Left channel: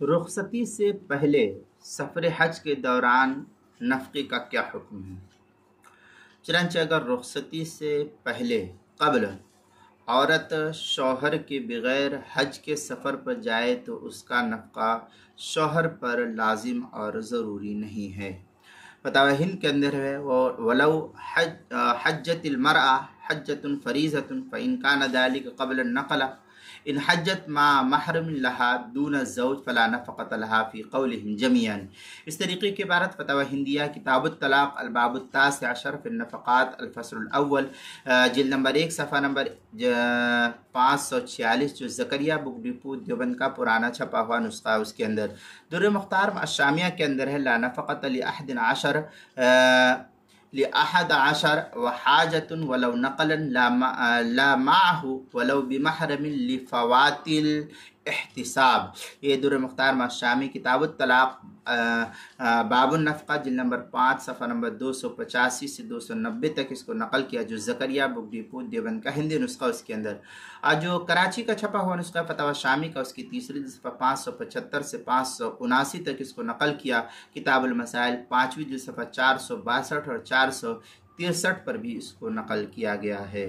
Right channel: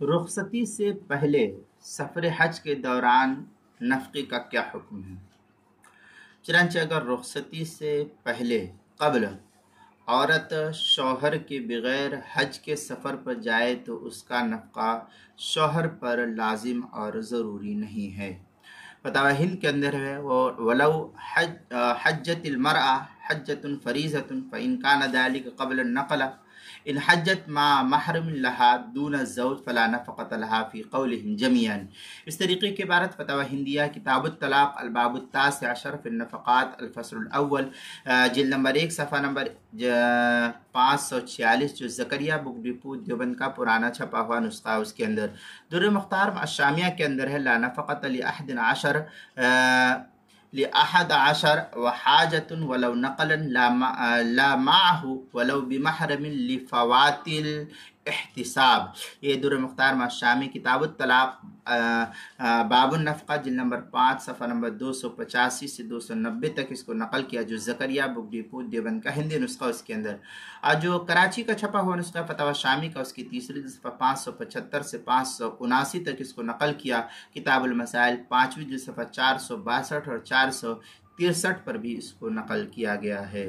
رخصتی سے پہلے سفر حج کے دوران نفقے کا کیا حکم ہے؟ چنانچہ اگر رخصتی سے پہلے قبل عورت شوہر کے بغیر حج کے سفر پر جائے تو اس کا نفقہ شوہر پر لازم اور ضروری نہیں ہے۔ فتاوی ہند کے اندر ہے وَلَوْ حجت المرأة حجت فریضۃ فإن كان ذلك قبل النقل ان حجت مع محرم لها دون الزوج فلا نفقة لها في قولهم جميعا۔ اس طریقے کی عبارت فتاوی ہندیہ کتاب الطلاق الباب التاسع عشر فی النفقات الفصل الاول جلد نمبر 1 صفحہ نمبر 546 جو زکریا بک ڈپو دیوبند کا پرانا چھپا ہوا نسخہ ہے۔ اس کے اندر در مختار الشامیہ کے اندر ہے لا نفقة لأحد عشر وحاجت ولو نقلا لا معه ولو بمحرم لفوات الاحتساب۔ یہ در مختار الشامی کتاب الطلاق باب النفقہ جلد نمبر 5 صفحہ نمبر 285 سے 290 تک اس کو نقل کیا جو زکریا بک ڈپو دیوبند کا ہندی نسخہ اس کے اندر، اور جو کراچی کا چھپا ہوا نسخہ فتاوی شامی کا اس کی تیسری صفحہ 575 سے 579 تک اس کو نقل کیا کتاب المسائل 5ویں صفحہ 462 اور 463 پر بھی اس کو نقل کیا گیا ہے۔